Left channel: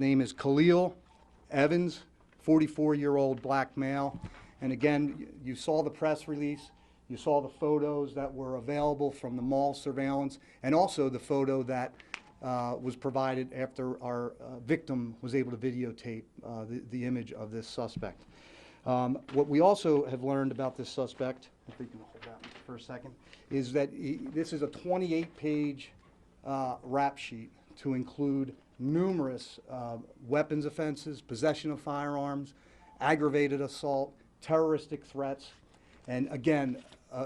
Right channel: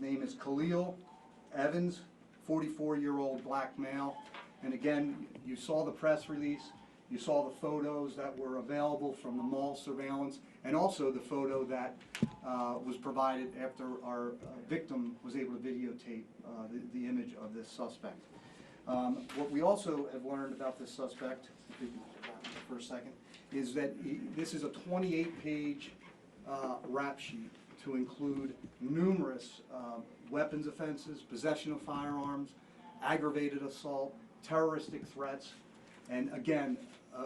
name is Khalil Evans, 44-year-old black male. And again, you saw the press release, you saw the photos that were available from the mall surveillance, and also the photo that was provided after our victim was able to videotape the image of this suspect. What we also have learned about this suspect, if we can hold that for a second, is that this is a 28-page rap sheet to include numerous weapons offenses, possession of firearms, aggravated assault, terroristic threats, and again,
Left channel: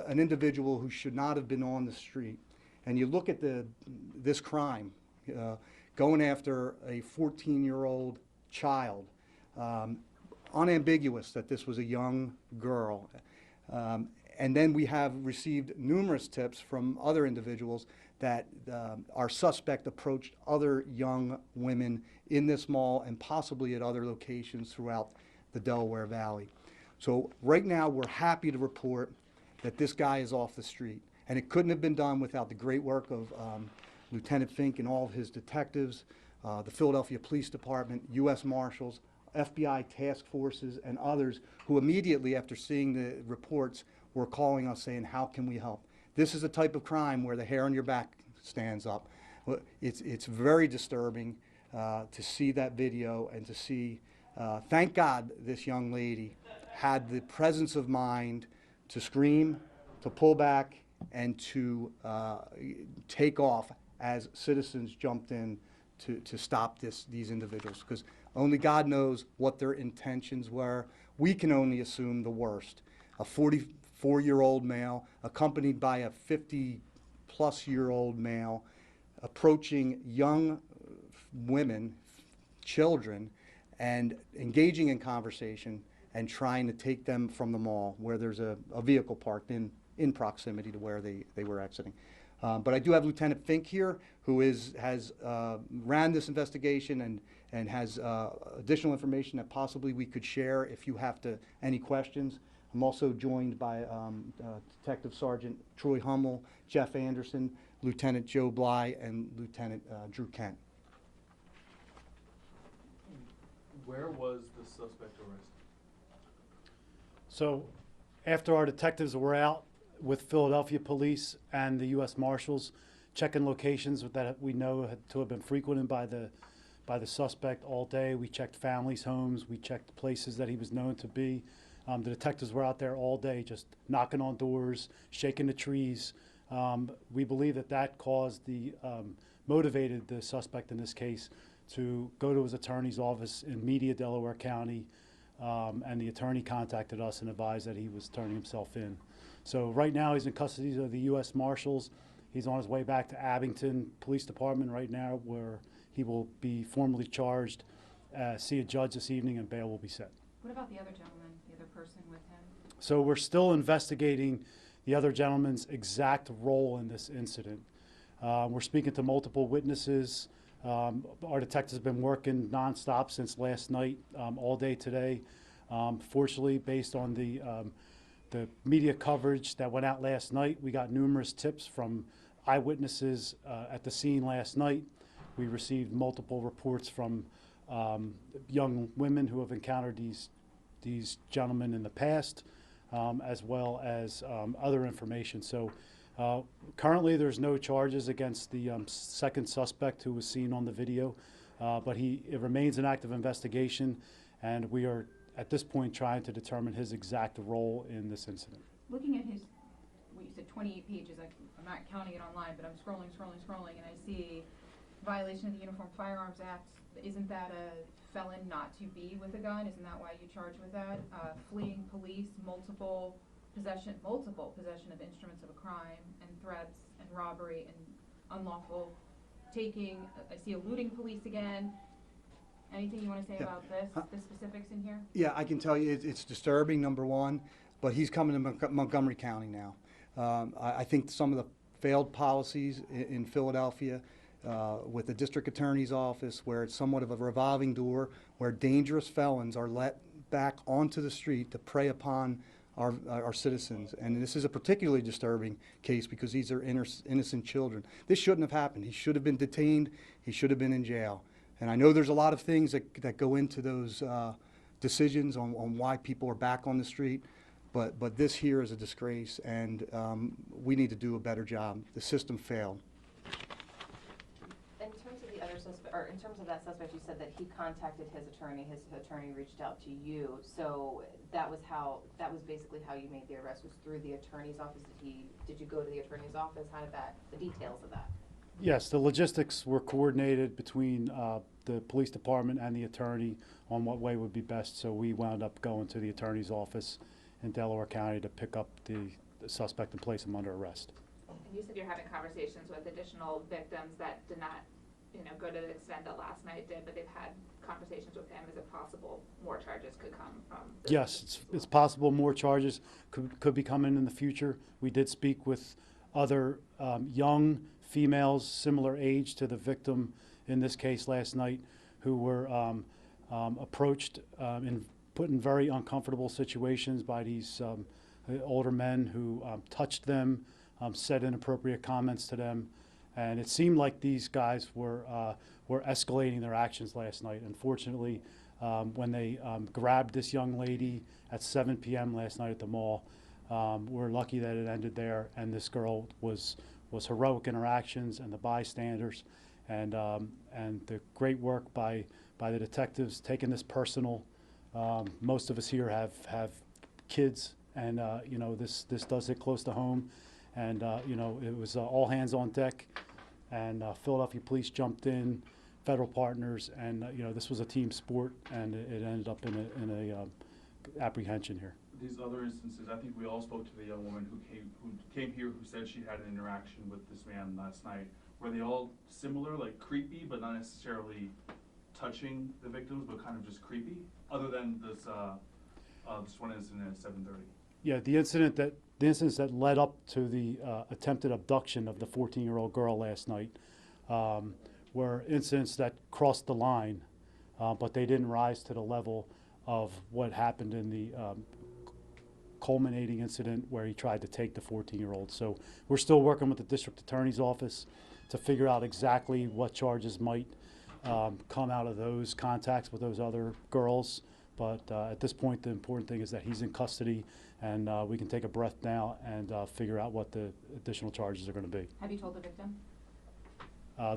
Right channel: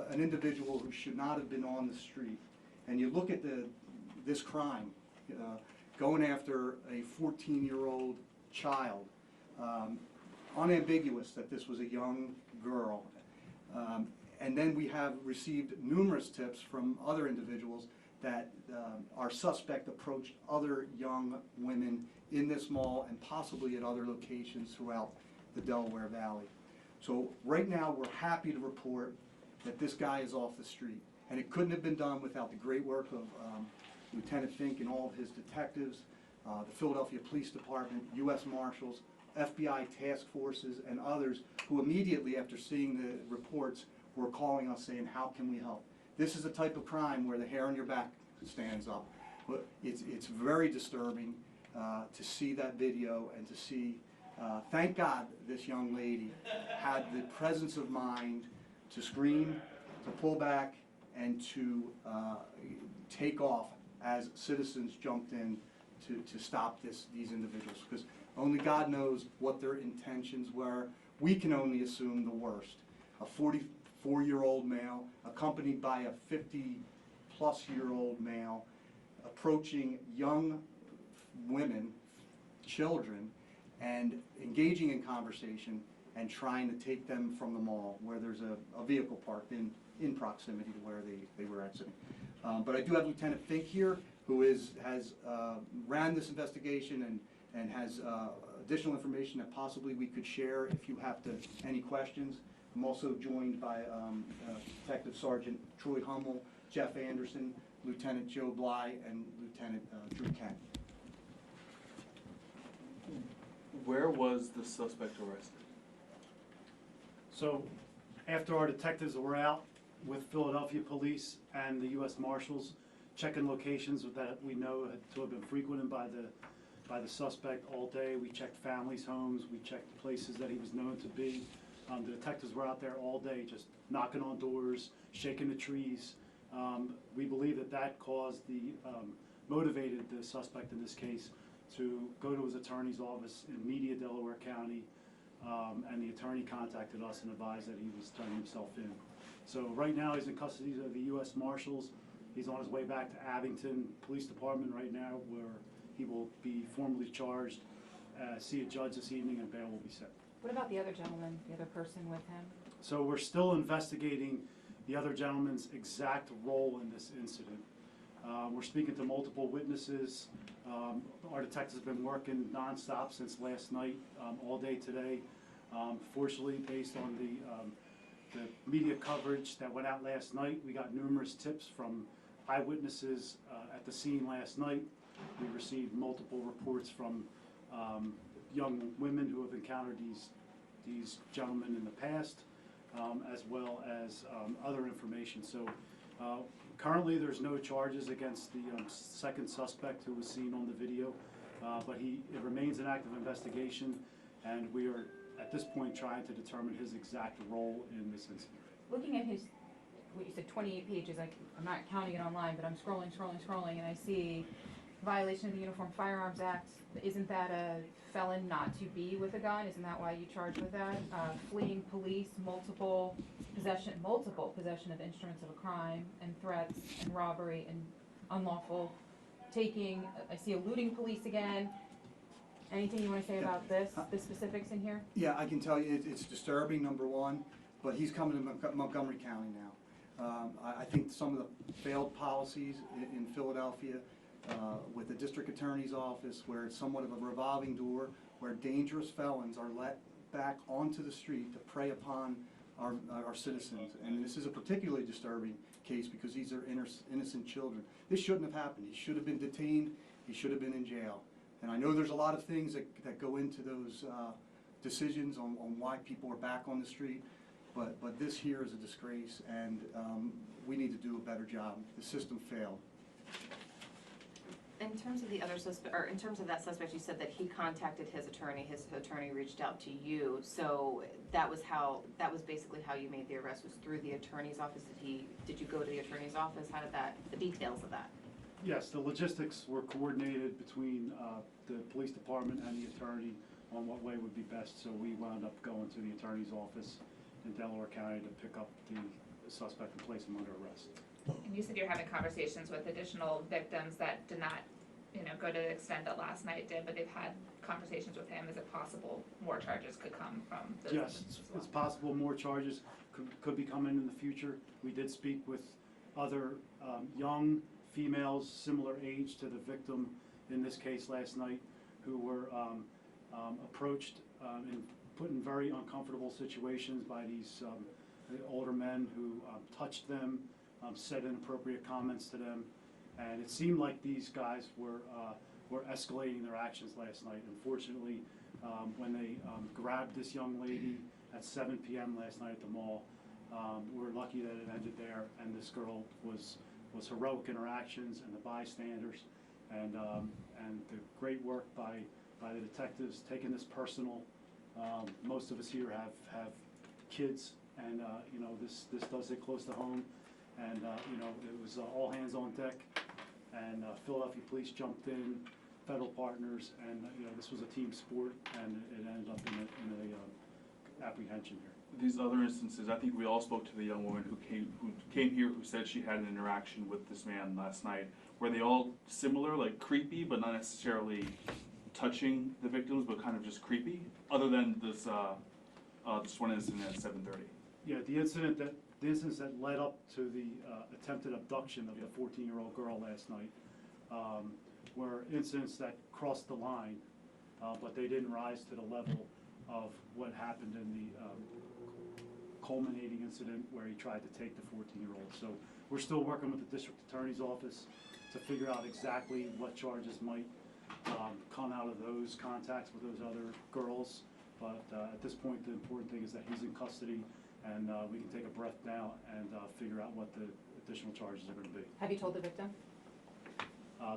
an individual who should not have been on the street. And you look at this crime, going after a 14-year-old child, unambiguous that this was a young girl. And then we have received numerous tips from other individuals that our suspect approached other young women in this mall and possibly at other locations throughout the Delaware Valley. So right now we're happy to report that this guy is off the street. And it couldn't have been done without the great work of Lieutenant Fink and all of his detectives, the Philadelphia Police Department, U.S. Marshals, FBI task forces, and others who immediately after seeing the reports were calling us saying, how can we help? This is a type of crime where the hair on your back stands up. It's very disturbing to see that video and to see, thank God this young lady had the presence of mind to scream, to pull back, and to take off as citizens jumped in to stop these individuals, because only God knows what their intentions were. We can only assume the worst. A 44-year-old male accompanied by a 50-plus-year-old male approaching young women, children, and engaging in conversation and trying to take them from the mall where there's a vehicle parked in proximity to where they were exiting. But I do have Lieutenant Fink here, who has ran this investigation and has additional information that possibly we could share if you have any questions. I'm also joined by Detective Sergeant Troy Hummel, Jeff Anderson, Lieutenant Joe Bly, and Lieutenant Drew Kent. Where was the suspect arrested? So after our detectives were out with Philadelphia police and the U.S. Marshals checking locations that we know to have been frequented by the suspect all day, we checked families' homes, we checked places that he was known to be. The detectives were out there all day just knocking on doors, shaking the trees. We believe that caused motivated the suspect in this case to go to his attorney's office in Media, Delaware County, and the attorney contacted us and advised that he was turning himself in. So right now he's in custody of the U.S. Marshals. He's on his way back to Abington Police Department right now, where he will be formally charged, see a judge this evening, and bail will be set. What about the other gentleman, the other person with him? So we're still investigating the other gentleman's exact role in this incident. We're speaking to multiple witnesses. Our detectives have been working nonstop since last night, all day today. Fortunately, based on the media coverage that went out last night, we got numerous tips from eyewitnesses at the scene last night. We received multiple reports from young women who have encountered these gentlemen in the past, as well as other information. So currently there's no charges against the second suspect who was seen on the video, but it remains an active investigation, and we are at this point trying to determine his exact role in this incident. Looking at what you said, 28 pages, I'm not counting it online, but I'm scrolling, and I see violation of the Uniform Firearms Act. Isn't that a felon not to be with a gun? Isn't that why you charge with that? Fleeing police, multiple possession of instruments of a crime, and threats, and robbery, and unlawful taking. I see eluding police again. Anything you want to say about the specifics in here? Yeah, I can tell you it's disturbing, number one, but he's coming to Montgomery County now. I think some of the failed policies in Philadelphia with the district attorney's office, where it's somewhat of a revolving door, where dangerous felons are let back onto the street to prey upon our citizens. And this is a particularly disturbing case because these are innocent children. This shouldn't have happened. He should have been detained. He should have been in jail. And I know there's a lot of things that go into those decisions on why people are back on the street, but this here is a disgrace, and we need to do a better job. The system failed. In terms of the other suspect, or in terms of that suspect, you said that he contacted his attorney reached out to you, so that was basically how you made the arrest, was through the attorney's office? Did you go to the attorney's office? How did the details of that? Yes, the logistics were coordinated between the police department and the attorney on what way would be best, so we wound up going to the attorney's office in Delaware County to pick up the suspect and place him under arrest. You said you're having conversations with additional victims that did not, go to the extent that last night did, but they've had conversations with him. Is it possible more charges could come from this? Yes, it's possible more charges could be coming in the future. We did speak with other young females similar age to the victim in this case last night, who were approached and put in very uncomfortable situations by these older men who touched them, said inappropriate comments to them, and it seemed like these guys were escalating their actions last night. Unfortunately, when they grabbed this young lady at 7 p.m. last night at the mall, we're lucky that it ended there, and this girl was heroic in her actions, and the bystanders, and the great work by the detectives taking this personal. Most of us here have kids, and this does hit close to home, and it was all hands on deck, and Philadelphia police jumped in, federal partners, and this was a team sport, and it ended up in a apprehension here. These other instances, I think we all spoke to the young woman who came here, who said she had an interaction with this man last night. Were they all similar, like creepy, but not necessarily touching the victims, but kind of just creepy? Other than this one incident at 7:30. Yeah, the incidents that led up to the attempted abduction of the 14-year-old girl last night were incidents that crossed the line, but they didn't rise to the level of what happened in the culminating incident where he tried to take the 14-year-old. So we're still working with the district attorney's office to figure out exactly what charges might come out of those contacts with those other girls. But at this point, the important thing is that he's in custody, and we can take a breath now and figure out what the additional charges are going to be. Have you told the victim?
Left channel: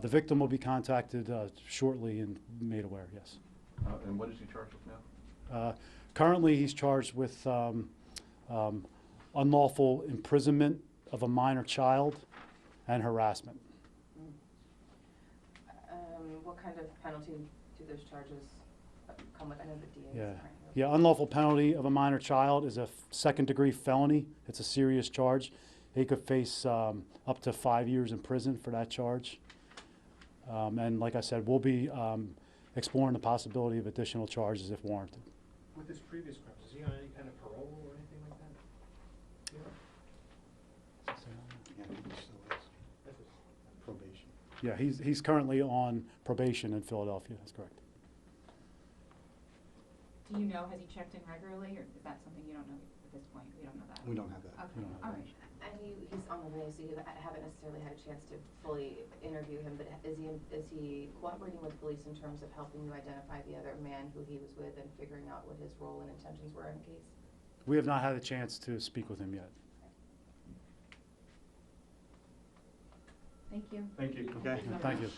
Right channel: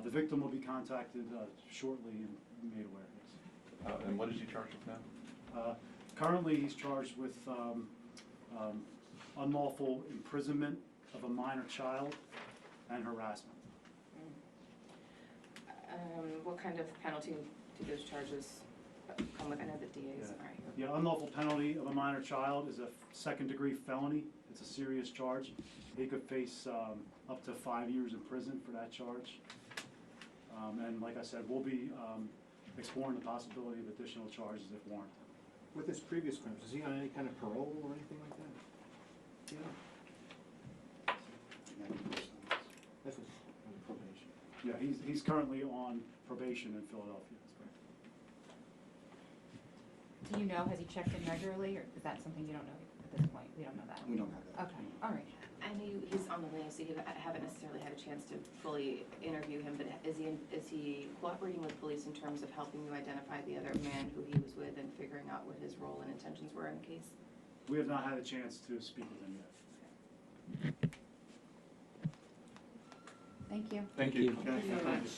The victim will be contacted shortly and made aware, yes. And what is he charged with now? Currently, he's charged with unlawful imprisonment of a minor child and harassment. What kind of penalty do those charges come with? I know the DAs are. Yeah, unlawful penalty of a minor child is a second-degree felony. It's a serious charge. He could face up to 5 years in prison for that charge. And like I said, we'll be exploring the possibility of additional charges if warranted. With his previous crimes, is he on any kind of parole or anything like that? Yeah. That's on probation. Yeah, he's currently on probation in Philadelphia. That's correct. Do you know, has he checked in regularly, or is that something you don't know at this point? We don't know that. We don't have that. Okay, all right. And he's on the list, so you haven't necessarily had a chance to fully interview him, but is he cooperating with police in terms of helping you identify the other man who he was with and figuring out what his role and intentions were in the case? We have not had a chance to speak with him yet. Thank you. Thank you. Okay. Thank you.